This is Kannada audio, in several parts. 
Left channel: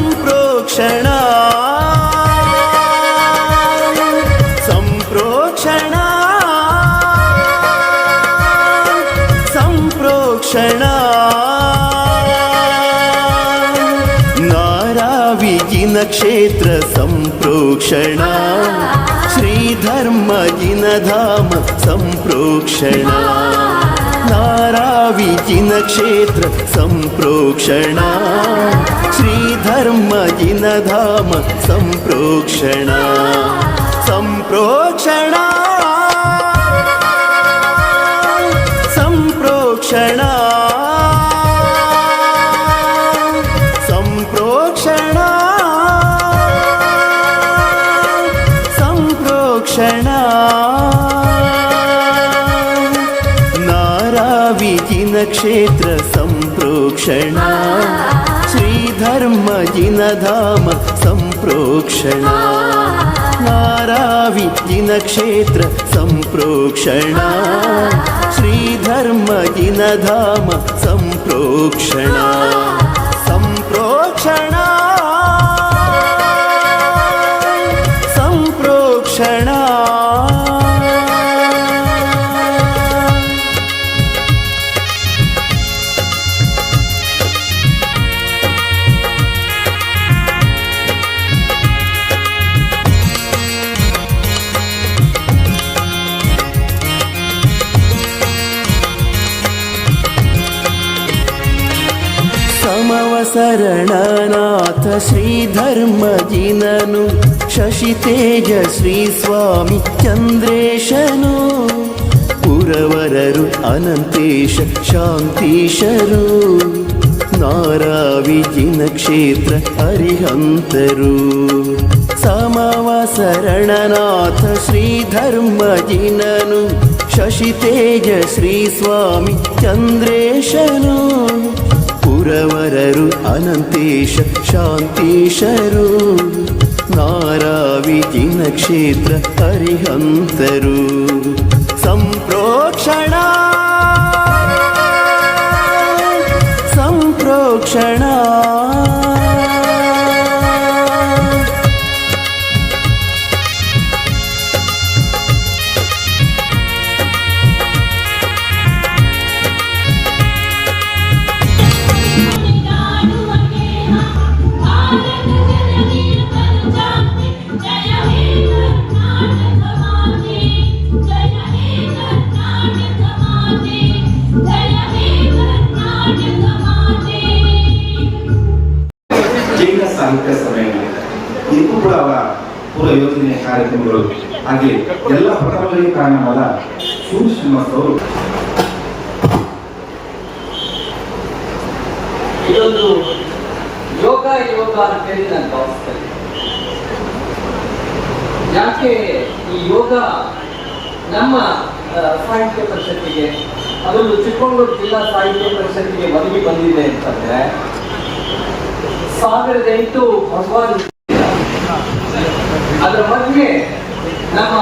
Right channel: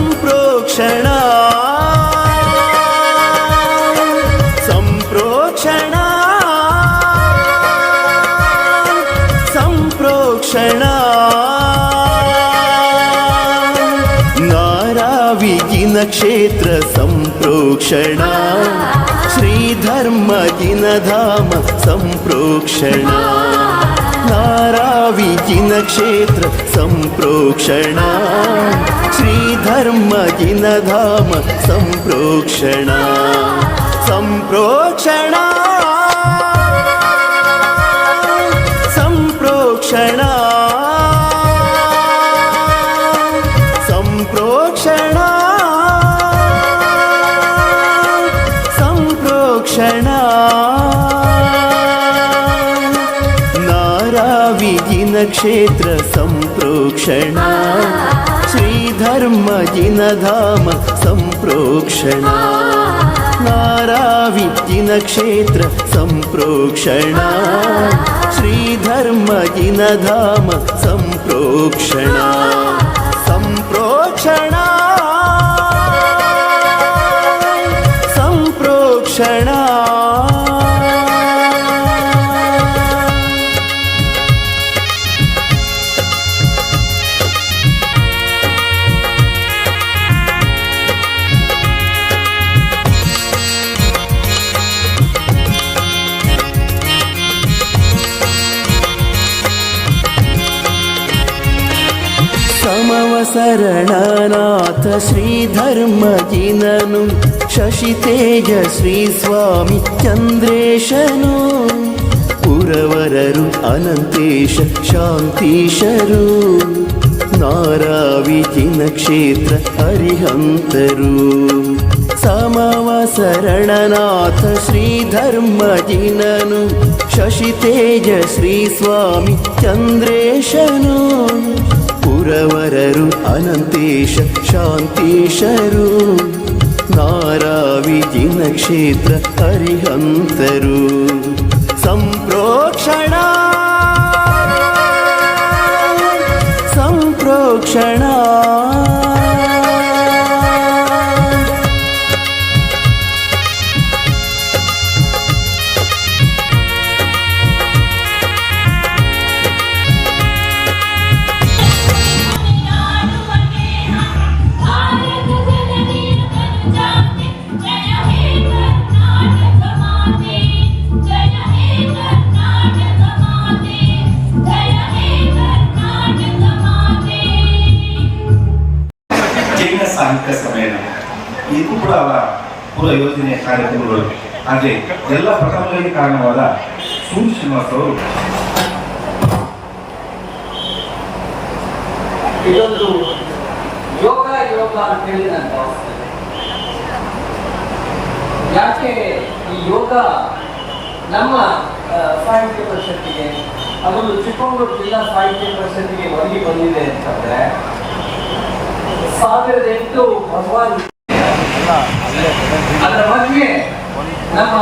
సంప్రోక్షణ. సంప్రోక్షణ. సంప్రోక్షణ. నారావిగిన క్షేత్ర సంప్రోక్షణ. శ్రీధర్మగిన ధామ సంప్రోక్షణ. జిన క్షేత్ర సంప్రోక్షణ శ్రీధర్మ జిన ధామ సంప్రోక్షణ సంప్రోక్షణ సంప్రోక్షణ సంప్రోక్షణ సంప్రోక్షణ पुण्यक्षेत्र सम्प्रोक्षणा श्रीधर्मजिनधाम सम्प्रोक्षणा नाराविजिनक्षेत्र सम्प्रोक्षणा श्रीधर्मजिनधाम सम्प्रोक्षणा सम्प्रोक्षणा सम्प्रोक्षणा ಸಂಪ್ರೋಕ್ಷಣ ಸಂಪ್ರೋಕ್ಷಣ ಸಂಪ್ರೋಕ್ಷಣ ಸಮವಸರಣನಾಥ ಶ್ರೀಧರ್ಮಜಿನನು ಶಶಿ ತೇಜ ಶ್ರೀ ಸ್ವಾಮಿ ಚಂದ್ರೇಶನು ಪುರವರರು ಅನಂತೇಶ ಶಾಂತೀಶರು ನಾರಾವಿಜಿನ ಕ್ಷೇತ್ರ अनन्तेश शान्तिशरु नाराविजिनक्षेत्र हरिहन्तरु सम्प्रोक्षणा सम्प्रोक्षणा ಪೂರ್ವ ಯೋಜನೆಯ ಕಾರ್ಯಕ್ರಮಗಳು. ಹಾಗೆ ಎಲ್ಲ ಪ್ರಥಮಗಳಿಗೆ ಕಾರಣವಾದ ಸೂರ್ಯ ಅವರು. ಇದೊಂದು ಯೋಗ ಯೋಗ ಅಂತ ಹೇಳಿ ನಾನು ಭಾವಿಸ್ತೇನೆ. ಯಾಕೆ ಈ ಯೋಗ ನಮ್ಮ ಸಾಹಿತ್ಯ ಪರಿಷತ್ತಿಗೆ, ಅದೊಂದು ಚಿಕ್ಕಮಗಳೂರು ಜಿಲ್ಲಾ ಸಾಹಿತ್ಯ ಪರಿಷತ್ತಿಗೆ ಒದಗಿ ಬಂದಿದೆ ಅಂತಂದ್ರೆ, ಸಾವಿರದ ಎಂಟು ಭಗವಾನ್ ಅದರ ಬಗ್ಗೆ ನಮ್ಮ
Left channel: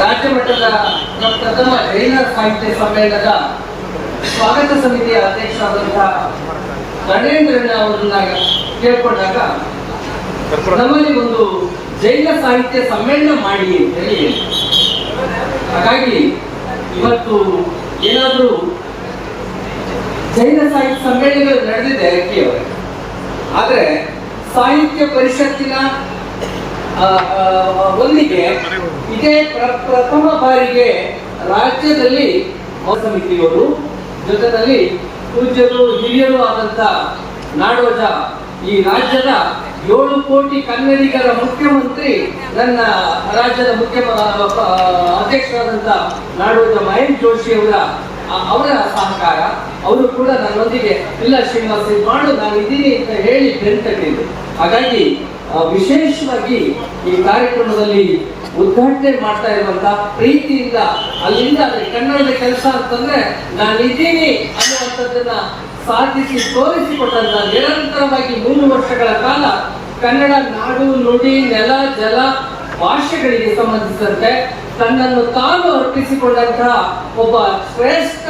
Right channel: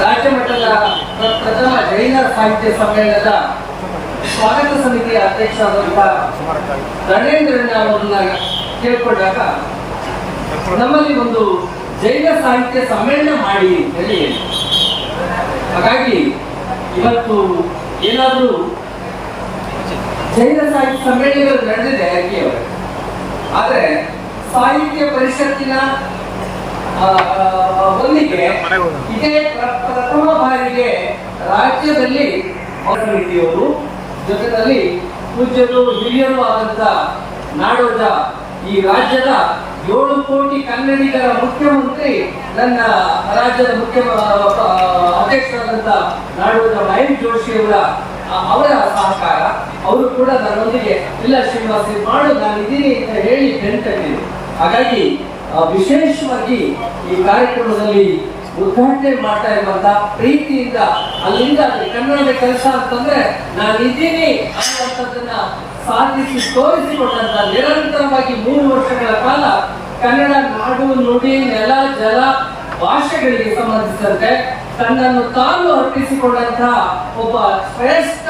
ರಾಜ್ಯ ಮಟ್ಟದ ಪ್ರಥಮ ಜೈನ ಸಾಹಿತ್ಯ ಸಮ್ಮೇಳನದ ಸ್ವಾಗತ ಸಮಿತಿಯ ಅಧ್ಯಕ್ಷರಾದಂತಹ ರಣೇಂದ್ರಣ್ಣ ಅವರನ್ನ ಕೇಳ್ಕೊಂಡಾಗ ನಮ್ಮಲ್ಲಿ ಒಂದು ಜೈನ ಸಾಹಿತ್ಯ ಸಮ್ಮೇಳನ ಮಾಡಿ ಅಂತ ಹೇಳಿ ಹಾಗಾಗಿ ಇವತ್ತು ಏನಾದರೂ ಜೈನ ಸಾಹಿತ್ಯ ಸಮ್ಮೇಳನಗಳು ನಡೆದಿದೆ ಅವರು. ಆದ್ರೆ ಸಾಹಿತ್ಯ ಪರಿಷತ್ತಿನ ಒಂದಿಗೆ ಇದೇ ಪ್ರ- ಪ್ರಥಮ ಬಾರಿಗೆ ರಾಜ್ಯದಲ್ಲಿ ಸಮಿತಿಯವರು, ಜೊತೆಯಲ್ಲಿ ಪೂಜ್ಯರು, ಹಿರಿಯರು ಆದಂತ ನಾಡೋಜ ಈ ರಾಜ್ಯದ ಏಳು ಕೋಟಿ ಕನ್ನಡಿಗರ ಮುಖ್ಯಮಂತ್ರಿ ನನ್ನ ರಾಜ್ಯದ ಮುಖ್ಯ ಅಧ್ಯಕ್ಷರಾದಂತ ನಾಡೋಜ ಮಹೇಶ್ ಜೋಶಿ ಅವರ ಅವರ ಸಹಕಾರ. ಅವರು ಕೂಡ ನನ್ನೊಂದಿಗೆ, ಇಲ್ಲ ಶ್ರೀನಿವಾಸ ಮಾಡು ನಾನು ಇದ್ದೀನಿ ಅಂತ ಹೇಳಿ ಬೆಂತಟ್ಟಿದ್ರು ಹಾಗಾಗಿ ವಿಶೇಷವಾಗಿ ಈ ಕಾರ್ಯಕ್ರಮದಲ್ಲಿ ಉದ್ಘಾಟನೆ ಮಾಡ್ತಾ ಇರುವಂತ ಪ್ರೀತಿಯಿಂದ ಅಲ್ಲಿಂದ ಅಲ್ಲಿ ಕನ್ನಡದ ಕೆಲಸ ಅಂತಂದ್ರೆ ನಾನು ಇದ್ದೀನಿ ಅನ್ನುವಂಥದ್ದನ್ನ ಸಾಧಿಸಿ ತೋರಿಸಿಕೊಟ್ಟಂತ ನಿರಂತರವಾಗಿ ಮೂರು ವರ್ಷಗಳ ಕಾಲ ಕನ್ನಡ ನಾಡು ನುಡಿ ನೆಲ ಜಲ ಭಾಷೆಗಳಿಗೆ ಸಂಬಂಧಿಸಿದಂತೆ ತನ್ನನ್ನು ತಾನು ಅರ್ಪಿಸಿಕೊಂಡಂತಹ ಒಬ್ಬ ಶ್ರೇಷ್ಠ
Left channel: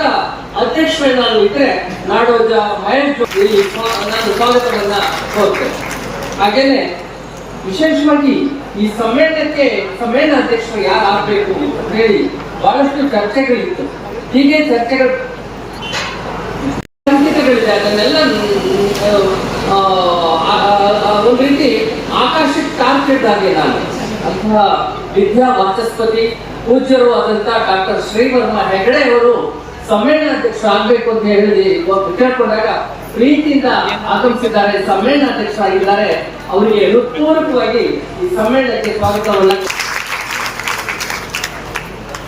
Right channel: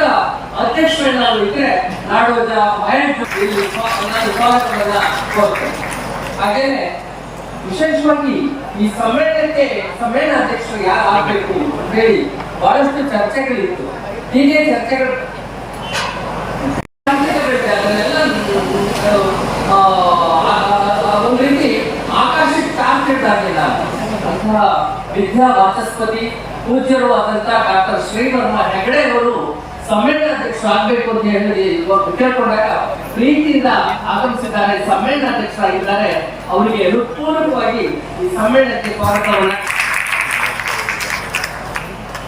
ಅಧ್ಯಕ್ಷರನ್ನಾಗಿ ಇದ್ರೆ ನಾಡೋಜ ಮಹೇಶ್ ಇಲ್ಲಿ ನಾನು ಸ್ವಾಗತವನ್ನ ಕೋರ್ತೇನೆ ಹಾಗೇನೆ ವಿಶೇಷವಾಗಿ ಈ ಸಮ್ಮೇಳನಕ್ಕೆ ಸಮ್ಮೇಳನ ಅಧ್ಯಕ್ಷರು ಯಾರು ಆಗ್ಬೇಕು ಅಂತ ಹೇಳಿ ಬಹಳಷ್ಟು ಚರ್ಚೆಗಳಿತ್ತು. ಹೀಗೆ ಚರ್ಚೆಗಳು ಸಂಕೇತಗಳಿದೆ. ಅದನ್ನೆಲ್ಲ ಒಂದು ರೀತಿ ಆಕಾಶಕ್ಕೆ ತಾಕಿದ್ದಾಗೆ ನಾನು. ಅಂತಹ ವಿದ್ಯಾ ವಾಚಸ್ಪತಿ, ಪೂಜ್ಯರು ಆದಂತಹ ಡಾಕ್ಟರ್ ಶ್ರೀವರ್ಮ ಹೆಗಡೆ ಅವರು ಸಮ್ಮೇಳನ ಅಧ್ಯಕ್ಷ ಆಗ್ಬೇಕು ಅಂತ ಹೇಳಿ ಕೇಳ್ಕೊಂಡಾಗ ಪ್ರೀತಿಯಿಂದ ಆಗಮಿಸಿದ್ದಾರೆ, ಸಮ್ಮೇಳನ ಅಧ್ಯಕ್ಷರಾಗಿದ್ದಾರೆ, ಅವರಿಗೆ ಹೃತ್ಪೂರ್ವಕವಾಗಿ ಈ ಸಮ್ಮೇಳನಕ್ಕೆ ಸ್ವಾಗತವನ್ನ.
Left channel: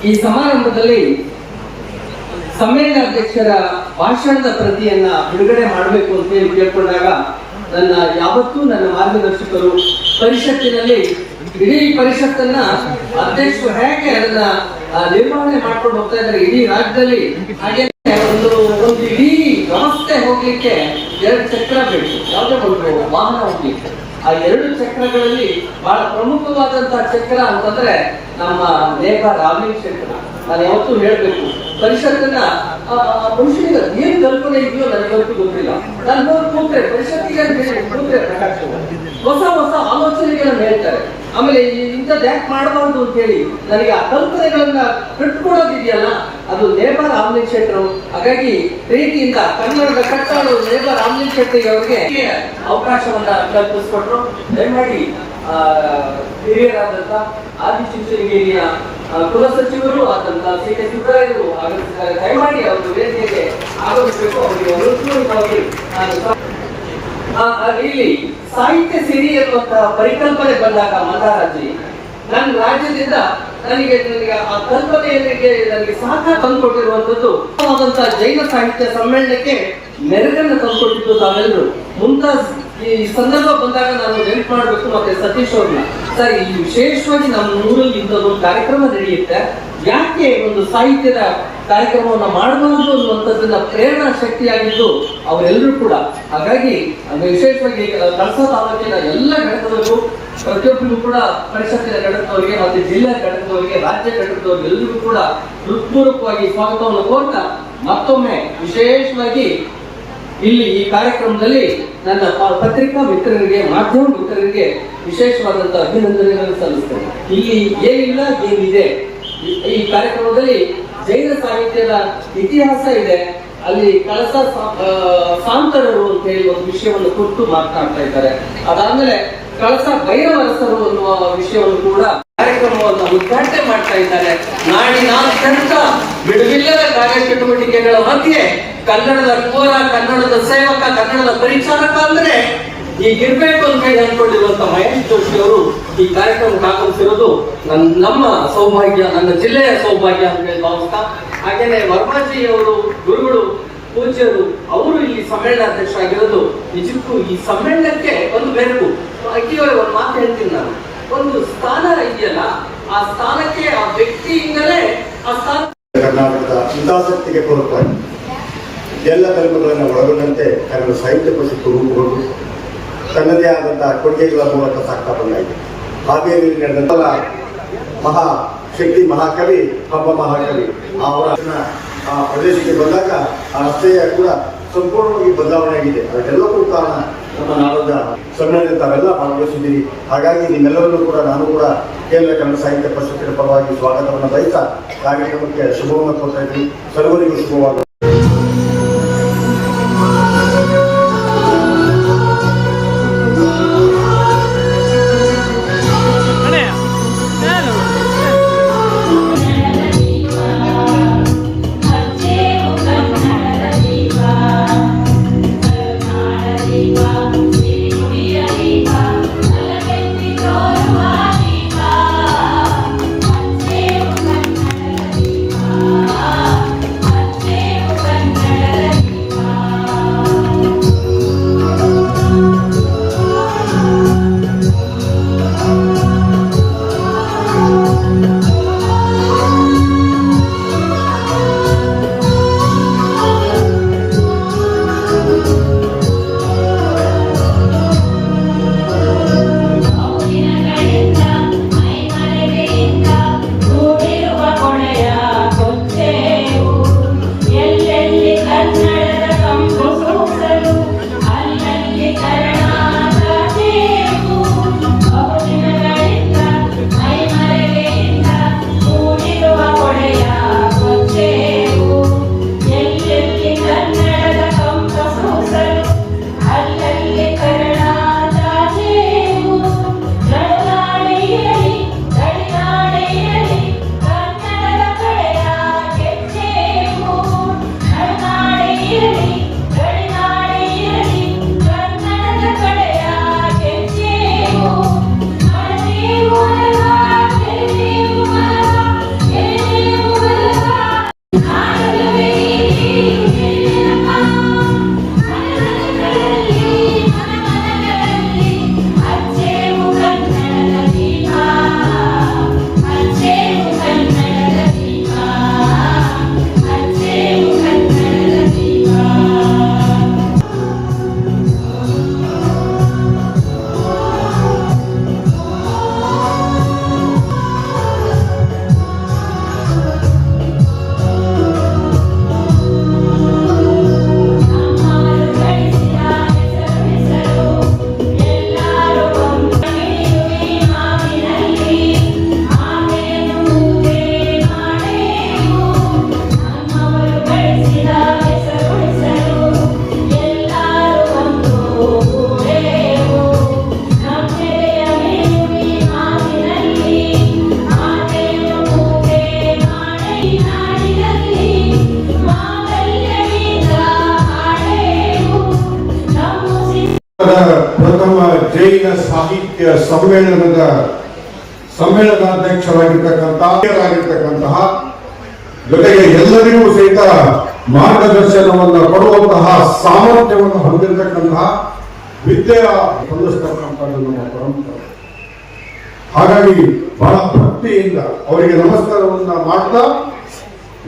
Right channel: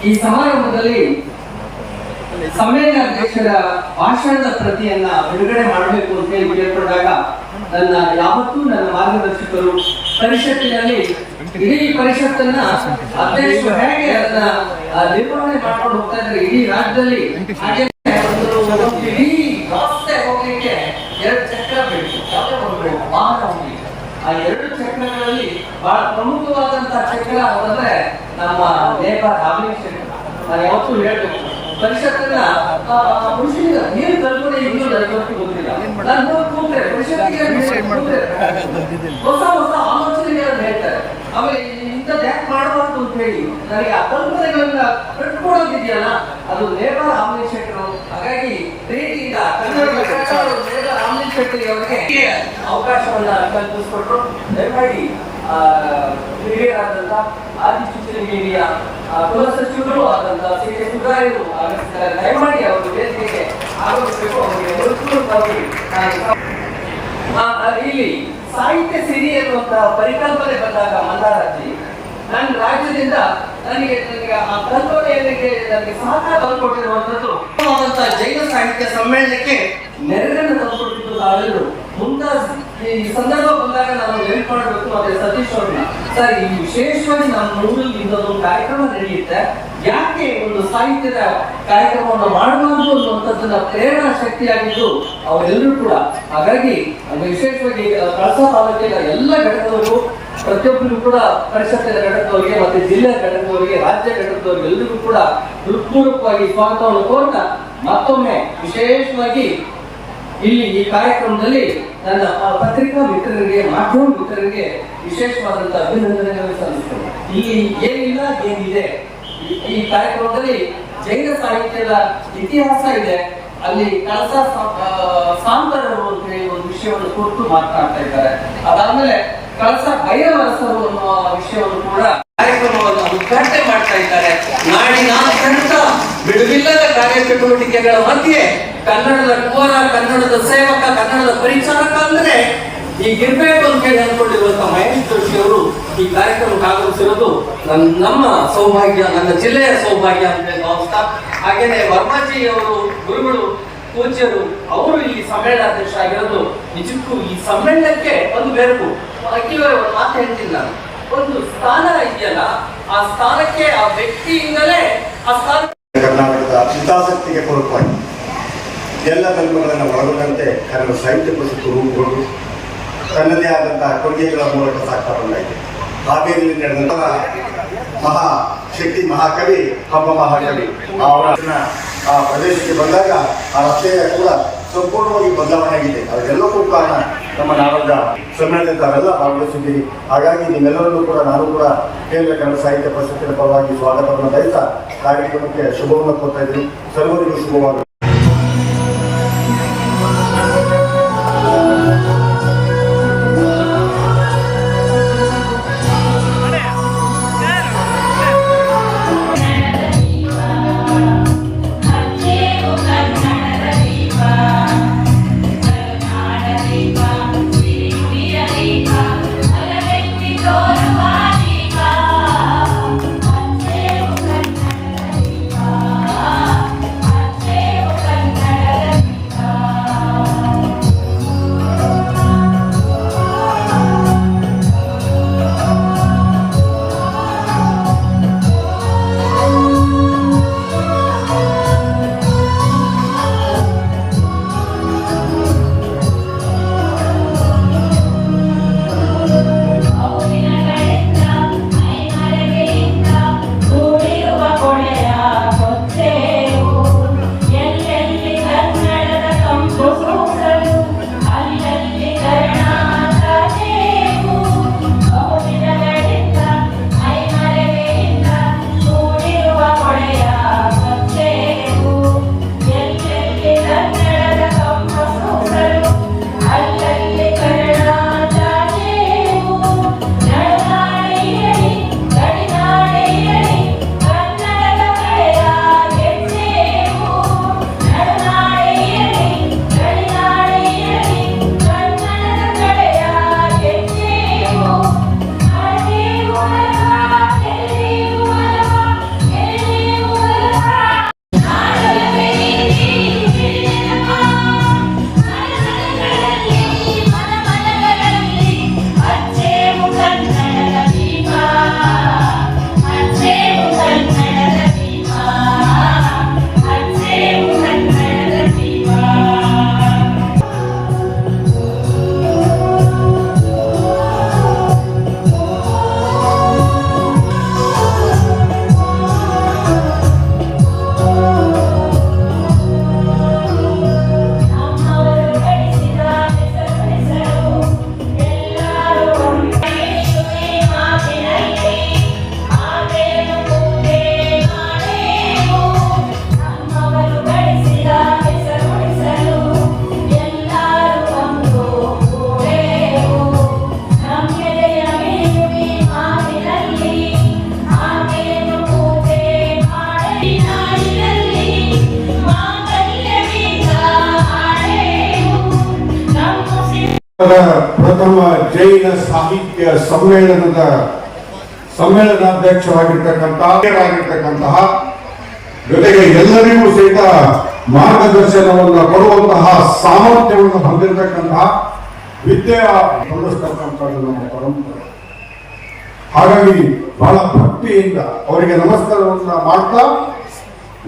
ಈ ಸಮಾರಂಭದಲ್ಲಿ ಸಮ್ಮೇಳನ ಅಧ್ಯಕ್ಷರ ಭಾಷಣದ ಪ್ರತಿಯನ್ನ ಬಿಡುಗಡೆ ಮಾಡಬೇಕು ಅಂತ ಹೇಳಿ ಕೇಳ್ಕೊಂಡಾಗ ನನ್ನ ಯಾವತ್ತೂ ನನ್ನ ಮಾರ್ಗದರ್ಶಕರು ಪರಿಷತ್ತಿನಲ್ಲಿ, ಇಡೀ ಪರಿಷತ್ತನ್ನ ಅಧ್ಯಕ್ಷರು ಹೇಗೆ ಅದನ್ನ ನಿರ್ವಹಣೆ ಮಾಡ್ಕೊಂಡು ಹೋಗ್ತಾ ಇದ್ದಾರೆ ಇಡೀ ರಾಜ್ಯದಲ್ಲಿ, ಹಾಗೆ ಒಂದು ಒಂದು ಇಡೀ ವ್ಯವಸ್ಥೆ ಹೋಗ್ಲಿಕ್ಕೆ ಎರಡು ಬೇಕು ಒಂದು ವಾಹನ ಆ ಎರಡು ಚಕ್ರಗಳಲ್ಲಿ ಬಹಳ ಪ್ರಮುಖವಾದಂತಹ ಚಕ್ರ ಅಂತಂದ್ರೆ ನಮ್ಮ ನೇಪ ರಾಮಲಿಂಗ್ ಚಕ್ರ. ನಾನು ಯಾವತ್ತೂ ಹೇಳ್ಬೇಕು ಆ, ಬಹುಶಃ ಏನ್ ಕಲ್ಪನೆ ಇದೆಯೋ ನನಗಂತೂ ಗೊತ್ತಿಲ್ಲ. ನಾನು ಹೋಗಿ ಕೂತ್ರೆ ಪರಿಷತ್ತಿಗೆ ಕೂತ್ರೆ ಹೊಸ ಹೊಸ ಆಲೋಚನೆಗಳನ್ನು ಹೇಳ್ತಾರೆ. ಆಮೇಲೆ ಇಂಥ ಯಾಕೆ ಮಾಡಬಾರ್ದು ಅಂತ ಹೇಳಿ ನನಗೆ ಆ ಕಲ್ಪನೆಗಳನ್ನ ಕಟ್ಕೊಡೋದಿದೆಯಲ್ಲ ಅದು ರಾಮಲಿಂಗ್ ಶೆಟ್ಟರು. ಹಾಗಾಗಿ ಪ್ರೀತಿಯಿಂದ ಕನ್ನಡದ ಕಟ್ಟಾಳು ಲೇಬರ್ ಆಮ್ಲಿನ್ ಶೆಟ್ಟಿ ಅವರಿಗೆ ಅವಕಾಶವನ್ನ ಕಲ್ಪಿಸಿಕೊಟ್ರು. ದಯಮಾಡಿ ಆ, ಹಿರಿಯರಾದಂತ ಆದಿಚುಂಚನಗಿರಿಯ ಕುಲಸಚಿವರು ಆದಂತಹ ಸಿ ಕೆ ಸುಬ್ರಾಯರು ಆಗಮಿಸಿದ್ದಾರೆ. ದಯಮಾಡಿ ಅವರು ವೇದಿಕೆಗೆ ಆಗಮಿಸಬೇಕು ಅವರಿಗೆ ಎಲ್ಲರೂ ನಾನು ಇಲ್ಲಿ ಸಾಹಿತ್ಯ ಸಿರಿ ಎನ್ನುವಂತಹ ಪರಿಕಲ್ಪನೆ ಬಂದಾಗ ಮಲ್ಲಾರಾಜಿ ನನ್ನ ರಾಜ್ಯದಿಂದ ನನಗೆ ನನಗೆ ಆ ಕಲ್ಪನೆಯನ್ನಿಗೆ ನನಗೆ ಸಹಕಾರ ತಂದುಕೊಟ್ಟಿರುವಂತದ್ದು ಉತ್ತಮವಾದಂತಹ ಜೈನ ಸಾಹಿತ್ಯ ಸಮ್ಮೇಳನಕ್ಕೆ ನೆರವಿನ ತಂದುಕೊಟ್ಟಿದ್ದು ತಾವೆಲ್ಲರೂ ಮುಂದ ಈ ಸಂದರ್ಭ ಬಂದಾಗ ನಾನು ನೆನಪು ಮಾಡಬೇಕು ಮತ್ತೆ ಸತೀಶ್ ಅವ್ರನ್ನ. ಸರ್, ಈ ವಿಶೇಷವಾಗಿ ನಮ್ಮ ಊರಲ್ಲಿ ಒಂದು ಕಾರ್ಯಕ್ರಮ ನಡೆಯುತ್ತೆ. ಯಾಕೆ ಒಂದು ಸಾಹಿತ್ಯದ ಕಾರ್ಯಕ್ರಮವನ್ನು ಮಾಡಬಾರದು ಅನ್ನುವಂಥದ್ದನ್ನ ಪ್ರೇರಣಾ ಶಕ್ತಿಯಾಗಿದ್ದು ಅವರೆಲ್ಲರೂ ಕೂಡ. ಹಾಗಾಗಿ ವಿಶೇಷವಾಗಿ ಕಳಸ ತಾಲೂಕಿನ ಎಲ್ಲ ಘಟಕದವರು ಪ್ರತಿಯೊಬ್ಬರಿಗೂ ಕೂಡ ಪರಿಷತ್ತಿನ ಘಟಕದವರಿಗೆ ಮತ್ತೆ ಜಿಲ್ಲಾ ಘಟಕದವರಿಗೆ, ರಾಜ್ಯ ಘಟಕದವರಿಗೆ ಎಲ್ಲರಿಗೂ ಕೂಡ ಹೃತ್ಪೂರ್ವಕವಾಗಿ ಸ್ವಾಗತವನ್ನು ಕೋರ್ತಾ ಮತ್ತೊಮ್ಮೆ ವಿಶೇಷವಾಗಿ ಇಲ್ಲಿ ಈ ಕಾರ್ಯಕ್ರಮದಲ್ಲಿ ನನ್ನ ಪತ್ರಿಕಾ ಮಿತ್ರರಿಗೆ, ಮಾಧ್ಯಮ ಮಿತ್ರರಿಗೆ ವಿಶೇಷವಾದಂತಹ ಅಭಿನಂದನೆಗಳನ್ನು ಸಲ್ಲಿಸ್ತೇನೆ. ಇಲ್ಲಿ ಏನಿಲ್ಲ, ಏನಿದೆ? ಈ- ಕಾರ್ಯಕ್ರಮದಲ್ಲಿ ಜೈನ ಸಾಹಿತ್ಯದ ಇತಿಹಾಸ ಇದೆ. ಅಲ್ಲಿ ಕಳಸ ಸಾಂತರರು ಅಂತ ಹೇಳಿ ಒಂದು ವಿಷಯವನ್ನು ಕುರಿತು ಮಾತನಾಡ್ತಾ ಇದ್ದಾರೆ. ಅದಾದ್ಮೇಲೆ ಕಳಸ ಭೈರವರಸರು ಅನ್ನುವ ವಿಷಯವನ್ನು ಕೂಡ ಕಾರ್ಯಕ್ರಮವನ್ನು ಉದ್ಘಾಟನೆ ಮಾಡ್ತಾ ಇದ್ದಾರೆ. ನಾಡಿನಾದ್ಯಂತ ಬಿಡುವಿಲ್ಲದ ಕಾರ್ಯಚಟುವಟಿಕೆಗಳ ಮಧ್ಯೆ ಕನ್ನಡದ ಕೋರ ಕನ್ನಡದ ಸೇವಕ, ಕನ್ನಡದ ಪರಿಚಾರಕ ಅಂದ್ರೆ ಈಗಿರ್ಬೇಕು ಅಂತ ಹೇಳಿ ಅನ್ಕೊಂಡಿರುವಂತ ಮಹೇಶ್ ಜೋಶಿ ಅವರು ಈ ಕಾರ್ಯಕ್ರಮಕ್ಕೆ ಆಗಮಿಸಿರೋದು ನನ್ನ ನಮ್ಮ ಸೌಭಾಗ್ಯ, ನನ್ನ ಜಿಲ್ಲೆಯ ಸೌಭಾಗ್ಯ ಅಂತ ಭಾವಿಸ್ತಾ ಹಾಗೇನೆ ವರ್ಮಾಜಿ ಅವರು, ಗುರುಗಳು, ಪೂಜ್ಯರು, ಅವರು ಈ ಸಮ್ಮೇಳನ ಅಧ್ಯಕ್ಷರಾಗಿರೋದು ನಿಜಕ್ಕೂ ಈ ಸಮ್ಮೇಳನಕ್ಕೆ ಒಂದು ಬೆರಕು. ಅಕ್ಕಿಯವರ ಮಾತು ಹೇಳ್ತೀನಿ ನಾನು. ಒಂದು ಸ್ಥಾನ ಇದೆಯಲ್ಲ, ಆ ಸ್ಥಾನಕ್ಕೆ ಆ ವ್ಯಕ್ತಿಯಿಂದಲೇ ಆ ಸ್ಥಾನ ಕರ್ನಾಟಕದ ಹಿತಾಸಕ್ತಿಗೆ ಪೂರಕವಾಗಿ ಎಲ್ಲ ಧರ್ಮಗಳನ್ನು ಒಳಗೊಂಡಂತೆ ಕನ್ನಡ ಸಾಹಿತ್ಯ ಪರಿಷತ್ತು ರೂಪುಗೊಂಡು ತನ್ನದೇ ಆದಂತಹ ಕೊಡುಗೆಗಳ ಮೂಲಕ ಸಾಕ್ತಾ ಬಂದಾಗಿದೆ ಹಾವೇರಿಯಲ್ಲಿ ನಡೆದಂತ ಮಹಾ ಶಕ್ತಿ ಮಹಾಕವಿ, ಹಬ್ಬ ಮಹಾಕವಿ, ಅವರ ಆ ಪ್ರದೇಶಕ್ಕೆ ಬಂದಾಗ ಆ ರಸ್ತೆಯ ಕೂಡ ಸಂಪೂರ್ಣವಾಗಿ ಬದಲಾವಣೆ ಆಗಿದೆ. ಅದಕ್ಕೆಲ್ಲಕ್ಕೂ ಕಾರಣ ನಮ್ಮ ನಾಡೋಜ ಸಮ್ಮೇಳನ ತಾವೆಲ್ಲ ಭಾಗವಹಿಸಿದ್ದೀರಿ. ಹಾಗಾಗಿ ನಿಮ್ಮೆಲ್ಲರಲ್ಲೂ ಕೂಡ ನಾನು ಕೂಡ ಕೇಂದ್ರ ಕನ್ನಡ ಸಾಹಿತ್ಯ ಪರಿಷತ್ತಿನ ಪರವಾಗಿ ಸ್ವಾಗತವನ್ನು ಬಯಸ್ತಾ ಕಾರ್ಯಕ್ರಮಕ್ಕೆ ಶುಭವನ್ನು ಕೊಡ್ತಾ ಇದ್ದೀನಿ. ಸರ್ವರಿಗೂ ಶುಭವಾಗಲಿ. ಜೈನ ಸಾಹಿತ್ಯ ಸಮ್ಮೇಳನದ ಸಮ್ಮೇಳನಾಧ್ಯಕ್ಷರಾಗಿರ್ತಕ್ಕಂತಹ ಜೊತೆಗೆ ಎಲ್ಲರಿಗೂ ಸಹಿತ ಮಾರ್ಗದರ್ಶನವನ್ನು ಕೊಡುವಂತಹ ಸಾಮರ್ಥ್ಯವನ್ನು ಹೊಂದಿರತಕ್ಕಂತಹ ವಿದ್ಯೆ ಹೊಂದಿಸ್ತಕ್ಕಂಥದ್ದು ನಮ್ಮ ಪರಂಪರೆ. ಹಾಗಾಗಿ ಬಹಳ ಭಕ್ತಿಯಿಂದ ಅವರಿಗೆ ನಮಸ್ಕಾರವನ್ನು ಮಾಡ್ತಾ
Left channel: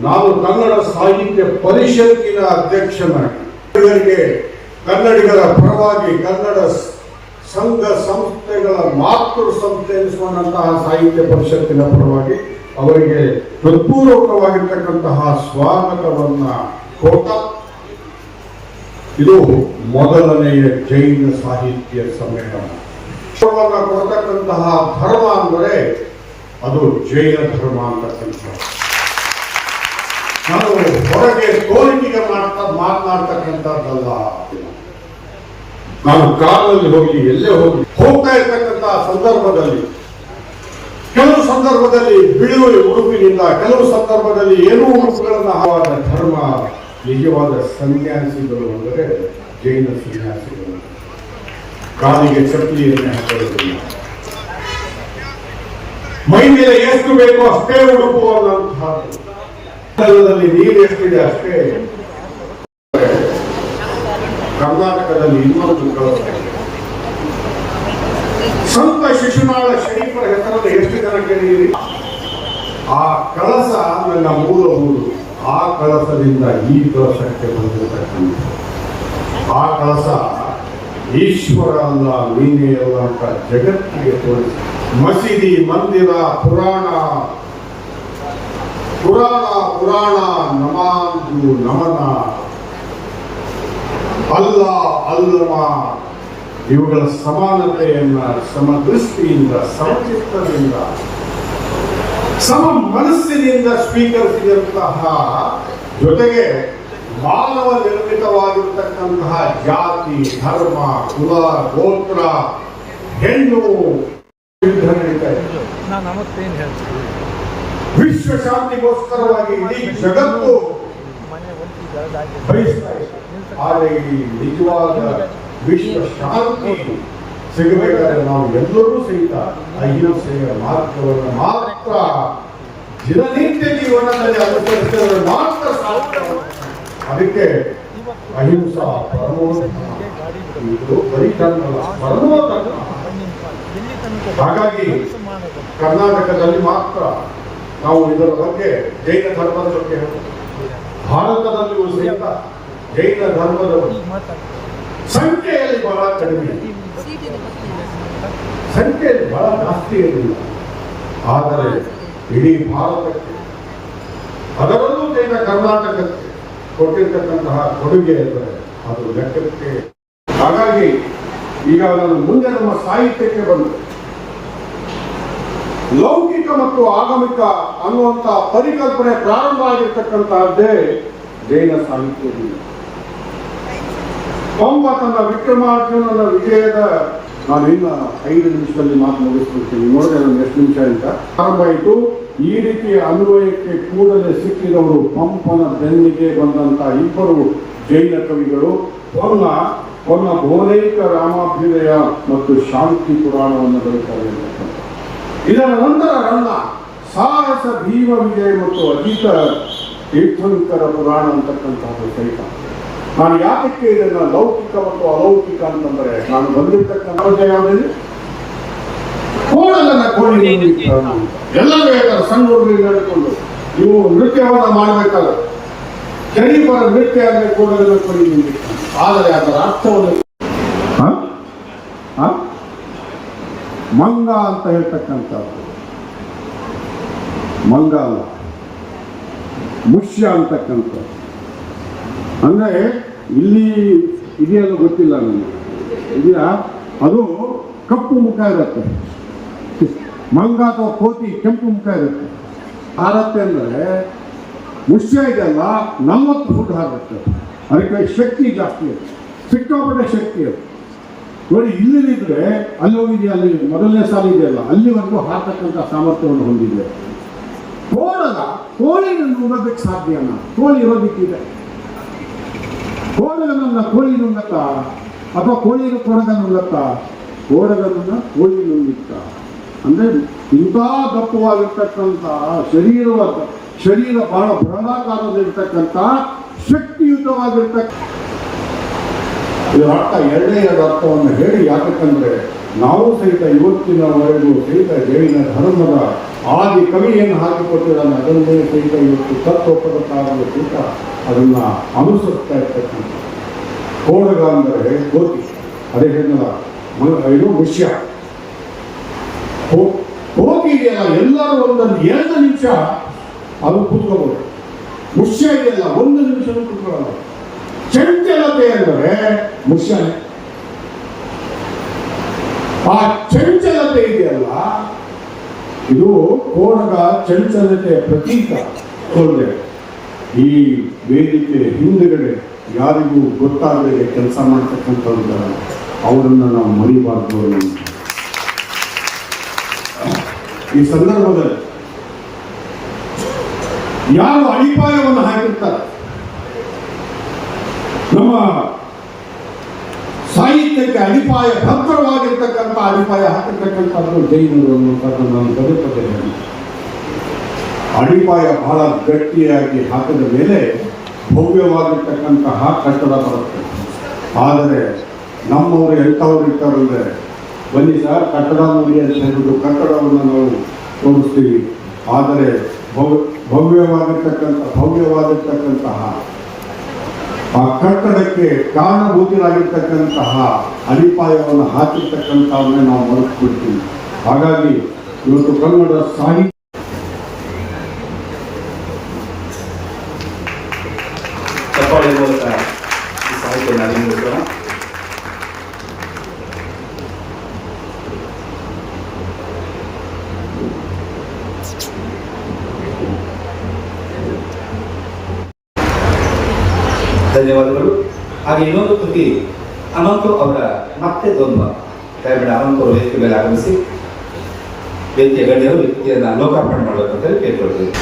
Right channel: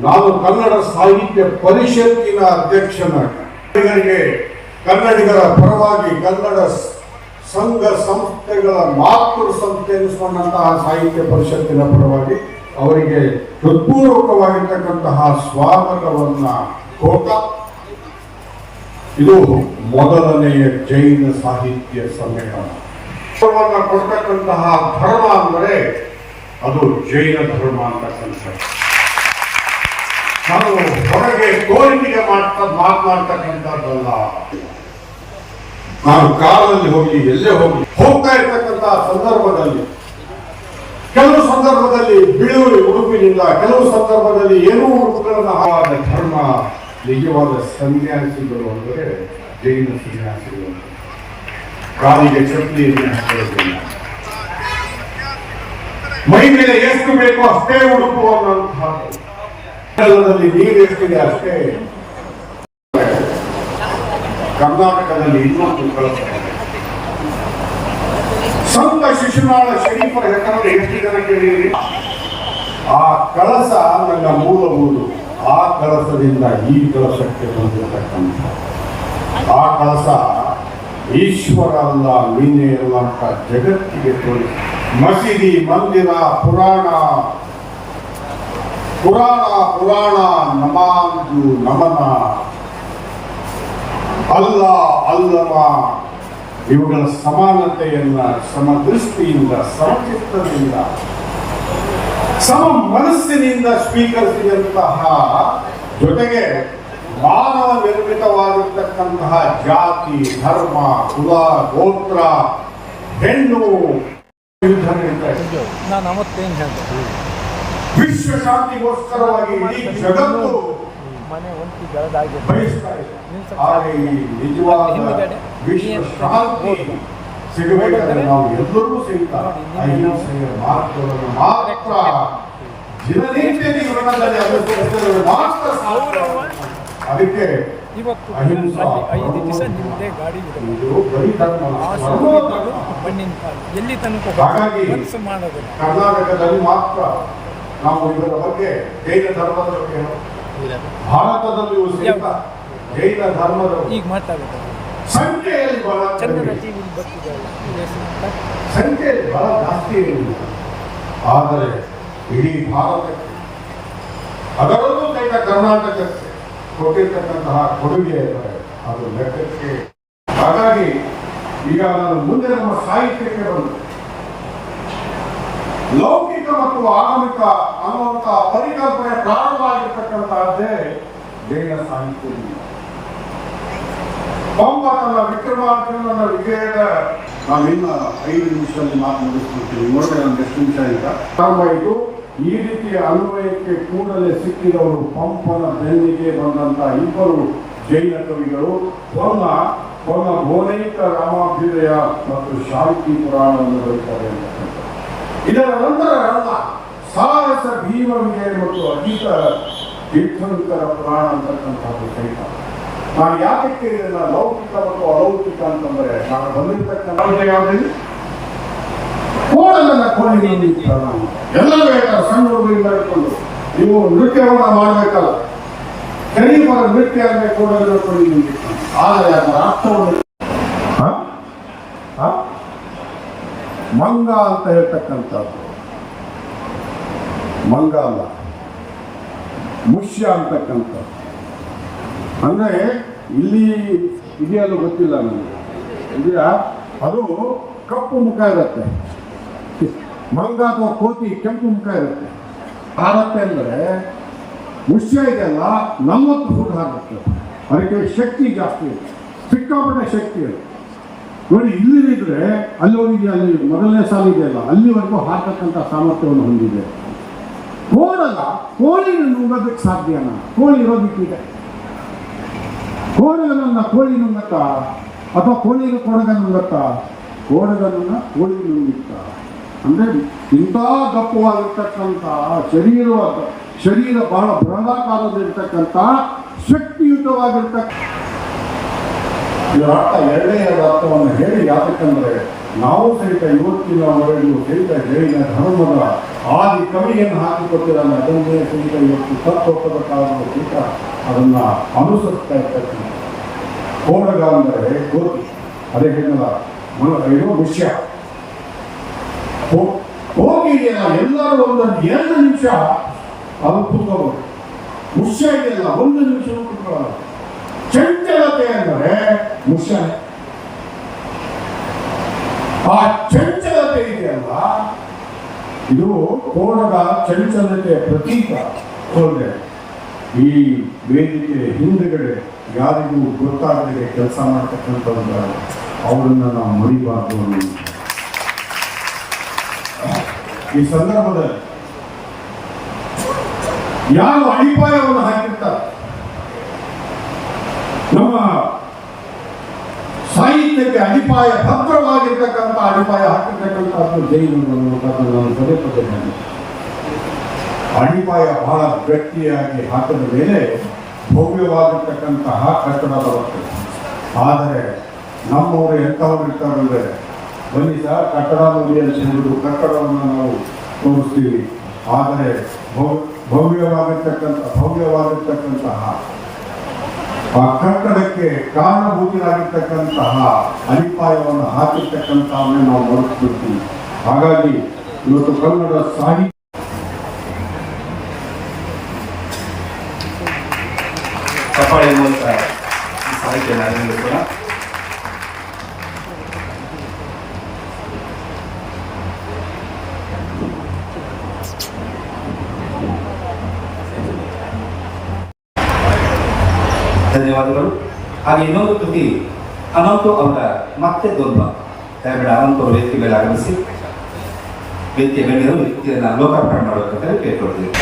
ನಾನು ಕನ್ನಡ ಸಾಹಿತ್ಯ ಪರಿಷತ್ತಿನ ಅಧ್ಯಕ್ಷನಾಗಿ. ಕನ್ನಡಿಗರ ಪರವಾಗಿ ಕನ್ನಡ ಸಂಘ ಸಂಸ್ಥೆಗಳ ಮಾತೃ ಸಂಸ್ಥೆ ಎನಿಸಿಕೊಂಡಂತಹ ಸಾಹಿತ್ಯ ಪರಿಷತ್ತಿನ ಪರವಾಗಿ ಅವರಿಗೆ ಹೃತ್ಪೂರ್ವಕವಾಗಿರ್ತಕ್ಕಂತಹ ಸ್ವಾಗತವನ್ನ ಕೊಟ್ಟ ಇದು ಮೊದಲನೆಯ ಜೈನ ಸಾಹಿತ್ಯ ಸಮ್ಮೇಳನ. ಕೊಡ್ತಕ್ಕಂತಹ ಧರ್ಮ ಅಂದರೆ ಅದು ಜೈನ ಧರ್ಮ ಅಂತಕ್ಕಂಥದ್ದು. ನಾನು ಹೊರಗೆ ತೋರಿಕೆಗೆ ಮಾಡ್ತಾ ಮಾತನಾಡ್ತಕ್ಕಂಥದ್ದಲ್ಲ. ನಾನು ಕಾರಲ್ಲಿ ಹೋಗಿ, ಎಲ್ಲೇ ಹೋಗಿ, ಹೋಗ್ತಾ ಇರ್ತಕ್ಕಂತಹ ಸಂದರ್ಭದಲ್ಲಿ, ಕೆಲವು ಸಂದರ್ಭದಲ್ಲಿ ಬಿಳುವಳಿ ಉಡುಪಿನಿಂದ ಕೆಲವು ಸಂದರ್ಭದಲ್ಲಿ ಏನೂ ಉಡುಪುಗಳನ್ನು ಧರ್ಮ ನಿಜವಾದ ಸನ್ಯಾಸಿಗಳು ಅಂದರೆ ಜೈನ ಸನ್ಯಾಸಿಗಳು. ಕಾಲಿಗೆ ಚಪ್ಪಲಿಯನ್ನೇ ಹಾಕೊಳ್ಳೋದಿಲ್ಲ. ಮೈ ಮೇಲೆ ಎಷ್ಟು ಬೇಕೋ ಅಷ್ಟೇ ಉಡುಪು ಅನ್ನುವಂತಹದ್ದು ಕನ್ನಡದಲ್ಲಿ ನೀರು ಎಷ್ಟಿದೆ ಅಷ್ಟೇ ಕರ್ನಾಟಕದಲ್ಲಿ ಇನ್ನೊಂದು. ಸಂತ ಶಿಶುನಾಳ ಶರೀಫರ ಹೆಸರನ್ನು ಎಷ್ಟು ಜನ ಕೇಳಿದ್ರಿ ಆ ಕಳಸ ನನ್ನ ಮೂಲ ಮೂರು ಆ ಕಳಸದಿಂದ ಈ ಕಳಸಕ್ಕೆ ಬಂದಿರತಕ್ಕಂಥ ಆ ಕಳಸ ಈಶ್ವರ ಅಲ್ಲ ನೀನೇ ಅಲ್ಲ ಅಂತ ಜಗತ್ತಿಗೆ ತೋರಿಸಿ ಮಸೀದಿ, ಮಂದಿರ, ಪುರಾಣ. ಪುರಾಣ ಪುರಾಣ ನಮಾಂದು ನಮನ. ಅಲ್ಲ ಅಲ್ಲಮ ಇವುಗಳ ಸಮಾನತೆಯನ್ನ ಸಮದೃಷ್ಟಿಯಿಂದ ಸಮಚಿತ್ತದಿಂದ ಸಮ ಮನಸ್ಸಿನಿಂದ ಸ್ವೀಕರಿಸಿದಂತಹ ಜೊತೆಗೆ ಮಾನವ ನಿರ್ಮಿತವಾಗಿರ್ತಕ್ಕಂತಹ ಜಾತಿ ಧರ್ಮ ಕುಲ ಗೋತ್ರ ಹೆಣ್ಣು ಯುದ್ಧ ನಡೀತಾ ಇದೆ. ವಿಶ್ವ ಶಾಂತಿಗೋಸ್ಕರವಾಗಿ ಇಡೀ ಜಗತ್ತು ಬಯಸ್ತಾ ಇದೆ. ಆದರೆ ಈ ನಿಜವಾದ ವಿಶ್ವ ಶಾಂತಿ ಸಿಗಬೇಕಾದ್ರೆ ನಾವು ಎಲ್ಲರೂ ಸಹಿತ ಅಹಿಂಸೆಯ ಮಾರ್ಗವನ್ನು ಮಾತ್ರ ದಿನನಿತ್ಯ ಜೀವನದಲ್ಲಿ ಅನುಸರಿಸಿದರೆ ಮಾತ್ರ ಸಾಧ್ಯ ಅದಕ್ಕೆ ಅಹಿಂಸಾ. ಇದು ಬರೀ ಹಾಗಾಗಿ ಕರ್ನಾಟಕದಲ್ಲಿ ಮಾತ್ರ ನಾವು ಇದರ ಬಗ್ಗೆ ಜೈನ ಧರ್ಮದ ಬಗ್ಗೆ. ಭಾರತದಲ್ಲಿಯೂ ಸಹಿತ ಜೈನ ಧರ್ಮದ ಸಂಖ್ಯೆಯಲ್ಲಿ ಬಹಳ ಕಡಿಮೆ. ಸಂಖ್ಯೆಯಲ್ಲಿ ಬಹಳ ಜಾಸ್ತಿ ಇರಲಿಲ್ಲ ಆದರೆ ಇಡೀ ಭಾರತಕ್ಕೆ ಅದರಲ್ಲೂ ಜೈನ ಕರ್ನಾಟಕಕ್ಕೆ ಕೊಟ್ಟಿರ್ತಕ್ಕಂತಹ ಕೊಡುಗೆ ಎಂದರೆ ಅದು ಲೆಕ್ಕಕ್ಕೆ. ಹಾಗಾಗಿ ಈಗ ನಾನು ಮುಂದೆ ನಮ್ಮ ಸಾಹಿತ್ಯಕ್ಕೆ ಬಂದೆ. ಲೌಕಿಕ ಮತ್ತು ಆಗಮಿಕ ಅನ್ನುವಂಥ ಪರಿಕಲ್ಪನೆ ಪ್ರಾರಂಭ ಆಗಿರ್ತಕ್ಕಂತಹದ್ದೇ ಜೈನ ಸಾಹಿತ್ಯದಿಂದ ಪಂಪ ತನ್ನ ವಿಕ್ರಮಾರ್ಜುನನ ವಿಜಯದ ನಾನು ಇನ್ನ ಐದು ನಿಮಿಷದಲ್ಲಿ ಮಾತು ಮುಗಿಸ್ಕೊಳ್ತೀನಿ ನೋಡಿದ್ರೆ ನಾನು ಎಷ್ಟು ನಿಮಿಷ ಅಂತ ಆರಂಭ ಆಯಿತು. ಈ ರೀತಿಯ ಅನ್ವಯಕ್ಕೆ ಕೂಡಲೇ ಸಿಕ್ಕಿದವರು ಪಂಪನ ಬೆನ್ನಿಗೆ ಬಂದಂತಹ ಇಬ್ಬರು ಜೈನ ಕವಿಗಳು. ಹೊನ್ನ ಹೊನ್ನ ಘೋರೈಕ ರಾಮಾಭ್ಯುದಯ ಮತ್ತು ಶಾಂತಿ ಪುರಾಣವನ್ನು ಬರೀತಾರೆ ಇದರ ನಂತರ ಸಾಹಸ ಭೀಮ ವಿಜಯ ಮತ್ತು ಅಜಿತ ತೀರ್ಥಂಕರ ಪುರಾಣ ಅಂತಕ್ಕಂಥದ್ದು ಸಹಿತ ನಾನು ಯಾಕೆ ಇದನ್ನ ಲೌಕಿಕ ಮತ್ತು ಅಲೌಕಿಕ ಅಂತಂದ್ರೆ? ನಾನು ಬಂದಿರ್ತಕ್ಕಂಥ ಯಾವುದಿದೆ ಕೋಣಿ ಎಲ್ಲರೂ ಸಣ್ಣ ನೀವು ನೃತ್ಯವನ್ನು ಮಾಡಬೇಕಲ್ಲ. ಶರೀಫರ ನೃತ್ಯ ಅಂದ್ರೆ ಕೂಡಲಿರಬೇಕು ನಿಮಗೆ ಆದರೆ ಅದರ ಅರ್ಥವನ್ನು? ಮಂಗ ಅಂತ ಹೇಳ್ತಕ್ಕಂಥದ್ದು. ಮಂಗ ಅಲ್ಲ. ಮುಷ್ಯ ಅಂತಕ್ಕಂಥದ್ದು. ಅಂದ್ರೆ ಇಲ್ಲಿ ಇದೆಯಲ್ಲ ಗೊತ್ತಿಲ್ಲ ನನಗೆ ಇದೀರಾ ಅದು ಕಪ್ಪು ಮುಖ ಇರುತ್ತೆ. ಮಂಗ ಅಥವಾ ಕೋತಿ ಕೆಂಪು ಮುಖ ಇರುತ್ತೆ. ಹಾರತ್ತೆ ಅಂದರೆ ಮುಷ್ಯ ಇದೆಲ್ಲ ನಲ್ವತ್ತು ಫುಟ್ ಹಾರುತ್ತೆ. ಅದಕ್ಕೆ ಶಕ್ತಿ ಜಾಸ್ತಿ ಇದೆ ಸಿಕ್ಕಾಪಟ್ಟೆ ಶಕ್ತಿ ಅದು. ನೋಡಿ ಇಲ್ಲಿದ್ರೆ ಅಲ್ಲಿ ಅಲ್ಲಿ ಮೊದಲನೇ ಸಾಲ ಇದೆಯಲ್ಲ, ಅಲ್ಲಿವರೆಗೂ ಹಾಕತಕ್ಕಂಥ ಸಾಮರ್ಥ್ಯವನ್ನು ಹೊಂದಿದೆ. ಕೋಳಲ್ಲ ಕೋಳಿನ ಸಾಧ್ಯ ಅಲ್ಲ. ಕೋಳಿ ಇರೋದಕ್ಕಿದೆ. ಕೋಳಲನ್ನ ಕೋಳಿ ನುಂಗತ್ತ? ಅಥವಾ ಕೋಳಿಗೆ ಕೊಡಗ ನುಂಗತ್ತ? ಕೋಡಗನ್ನ ಕೋಳಿ ನುಂಗಿತ್ತ. ಅಂದ್ರೆ ಇಂಥ ದಪ್ಪವಾಗಿರ್ತಕ್ಕಂಥ ಶರೀರ ಶರೀರ ಬಹಳ ಬೃಹದಾಕಾರದಲ್ಲಿರ್ತಕ್ಕಂಥ ಶಕ್ತಿಯುತವಾಗಿರ್ತಕ್ಕ ಇದರ ಎರಡು ಅರ್ಥವನ್ನು ಹೇಳಿ ಯಾಕಂದ್ರೆ ನಾವು ಸಹಿತ ಇವತ್ತಿನವರೆಗೂ ಸಹಿತ ಜೈನ ಧರ್ಮದ ಆದಿ ಕವಿಯನ್ನು ಹಾಕಿಕೊಟ್ಟಿದ್ದಾನೆ ಅದನ್ನೇ ಸಹಿತ ಇವತ್ತು ತತ್ವಪದ ಕಾಲದ ಸಹಿತ ಅದನ್ನ ಅನುಸರಿಸ್ತಾ ಇರ್ತಕ್ಕಂಥ ಕೋಡಗ ಅಂದರೆ ಗೋತಿ ಅದೇ ಹೇಳಿದ ಇದು ವಿಷಯ. ಹೋಗಿ ಇದೆಯಲ್ಲ, ಎಲ್ಲರೂ ಒಂದೊಂದು ಎರಡು ನಿಮಿಷ ಅದು ಕೂತ್ಕೋಬೇಕು ಮುಷ್ಯ ಇದೆಯಲ್ಲ, ಒಂದು ನಿಮಿಷ ಕೂತ್ಕೊಳ್ಳಲ್ಲ. ಚಂಚಲತೆ ಅಂದರೆ ಮುಷ್ಯನೆ ಆ ಚಂಚಲತೆ ಇದೆಯಲ್ಲ ಇದು ಕೋಣದ ಚಂಚಲತೆಯ ಪ್ರತೀಕ ತೊಂದರೆ ಈ ವೇದಿಕೆ ಹಿಂದುಗಡೆ ಯಾರಿಗೂ ಗೊತ್ತಾಗದೆ ಕೆಲಸ ಮಾಡ್ತಕ್ಕಂಥವ್ರ ಅವರನ್ನ ನಾವು ಮರಿಬಾರ್ದು ಈ ಸಂದರ್ಭದಲ್ಲಿ ಯಾರು ಅಡಿಪಾಯವನ್ನು ಹಾಕಿರ್ತಾರೆ? ನಮ್ಮ ಅಡಿಪಾಯ ಭದ್ರವಾಗಿರ್ತಕ್ಕಂಥ ಅಡಿಪಾಯ ಹಾಕಿರ್ತಕ್ಕಂಥ ಜೈನರು ನಾನು ಪದೇ ಪದೇ ಅಡಿಪಾಯ ಬಹಳ ಗಟ್ಟಿಯಾಗಿ ಹಾಕಿದ ಮೇಲೆ ಭವ್ಯವಾಗಿರ್ತಕ್ಕಂತಹ ಕಟ್ಟಡ ಬರುತ್ತೆ. ಆದರೆ ನಮ್ಮವರು ಎಂಥವ್ರು ಇರ್ತಾರಂದ್ರೆ ಬನ್ನಿ ಸರ್, ಕಟ್ಟಡ ನೋಡಿ ಅಂತ ಹೇಳಿದ್ರು ಕಟ್ಟಡವನ್ನು ನಾವು ತೋರಿಸ್ತೀವಿ. ಆದರೆ ಭವ್- ಭವ್ಯವಾಗಿರ್ತಕ್ಕಂಥ, ಭವ್ಯವಾಗಿರ್ತಕ್ಕಂತಹ ಆ ಕಟ್ಟಡಕ್ಕೆ ಕಾರಣಭೂತರಾಗಿರ್ತಕ್ಕಂತಹ ಅಡಿಪಾಯವನ್ನು ಹಾಕಿರ್ತಕ್ಕಂಥವನ್ನೇ ನಾವು ಮರೆತುಬಿಡ್ತೀವಿ ಹಾಗಾಗಿ ಇವತ್ತು ಕನ್ನಡ ಸಾಹಿತ್ಯ ಸಾಹಿತ್ಯ ಮೂಲಕ ಈ ಹಾಗೆ ಇನ್ನೊಂದು ಕೃತಿ ಅನಂತು ಅವರ ಮತ್ತೆ ದ್ವಂದ್ವ ದಯವಿಟ್ಟು ಅನಂತು ಅವರು ವೇದಿಕೆ ಮೇಲೆ ಆಗಮಿಸಿ ವೇದಿಕೆ ಗಣ್ಯರು ವ್ಯಕ್ತಿಯನ್ನು ಲೋಕಾರ್ಪಣೆ ಮಾಡಬೇಕಂತ ಕೇಳ್ಕೊಳ್ತೀವಿ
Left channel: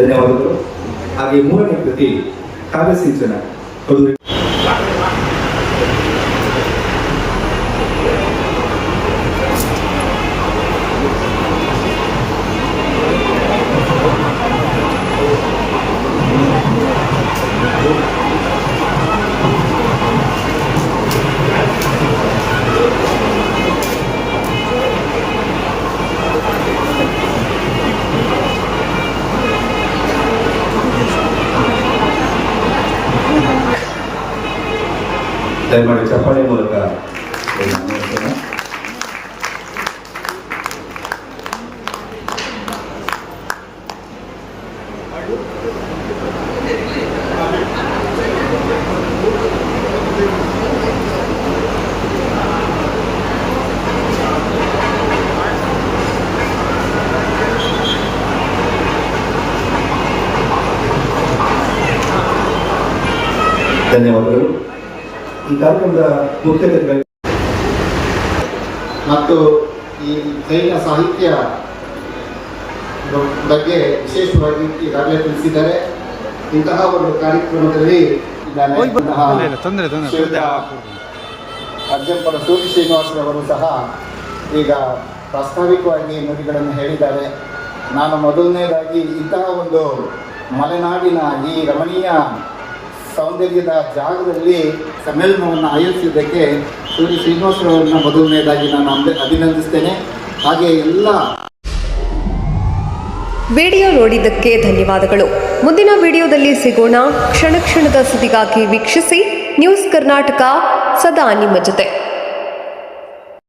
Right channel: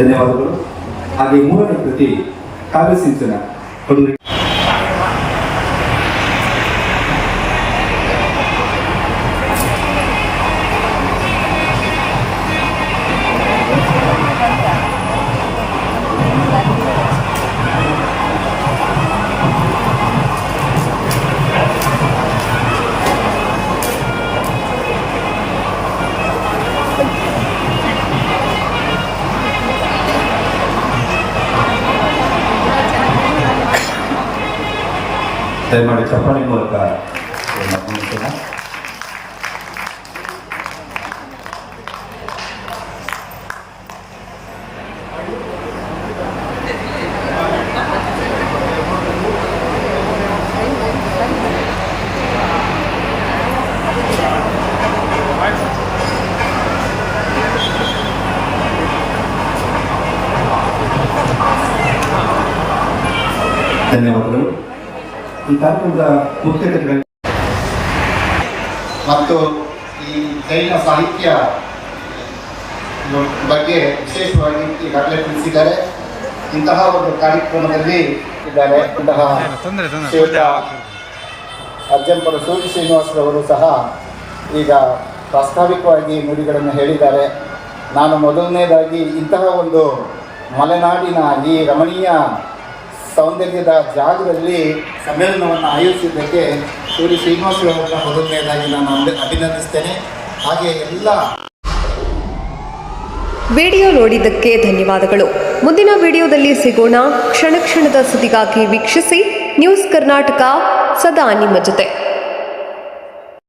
ಧನ್ಯವಾದಗಳು. ಹಾಗೆ ಮೂರನೇ ಕೃತಿ ಕಾವ್ಯ ಸಿಂಚನ ದಯಮಾಡಿ ಚಪ್ಪಾಳೆ ಮೂಲಕ ಇದನ್ನ ಅತಿಥಿಗಳು ಮತ್ತು ಈ ಜೈನ ಸಾಹಿತ್ಯ ಬಗ್ಗೆ ವಿಶೇಷವಾಗಿ ಈಗಾಗಲೇ ತಿಳಿಸಿದ್ದಾರೆ. ಇಂತಹ ಒಂದು ಕಾರ್ಯಕ್ರಮದಲ್ಲಿ ಇದ್ದಾರೆ ಅರ್ಜನ್ ಶ್ರೇಷ್ಠ ಅರ್ಜಂಪುರ ಸೂರ್ಯ ಶ್ರೀನಿವಾಸರವರು ಸಹ ಈಗ ಪ್ರಾಸ್ತಾವಿಕವಾಗಿ ನುಡಿಗಳನ್ನು ಹೇಳಿದ್ದಾರೆ. ನಾನು ಮೊದಲನೇದಾಗಿ ಇಂತಹ ಒಂದು ಮಲೆನಾಡಿನ ಈ ರಮಣೀಯ ಸೌಂದರ್ಯದ ಜಾಗದಲ್ಲಿ ಸಮ್ಮೇಳನವನ್ನು ಆಯೋಜಿಸಿದ್ದಕ್ಕೆ ಸೂರ್ಯ ಶ್ರೀನಿವಾಸರವರನ್ನ ಮೊದಲನೇದಾಗಿ ನಾನು ಅಭಿ- ಅಭಿನಂದಿಸ್ತೇನೆ. ಹಾಗೆ ಎಲ್ಲ ವಿಡಿಯೋ ನೋಡಿದ್ದಕ್ಕೆ ಧನ್ಯವಾದಗಳು. ಮುಂದಿನ ವಿಡಿಯೋದಲ್ಲಿ ಸಿಗೋಣ. ಕ್ಷಣ ಕ್ಷಣದ ಸುದ್ದಿಗಾಗಿ ವೀಕ್ಷಿಸಿ. ನ್ಯೂಸ್ ಕರ್ನಾಟಕ ಸದಾ ನಿಮ್ಮ ಜೊತೆ.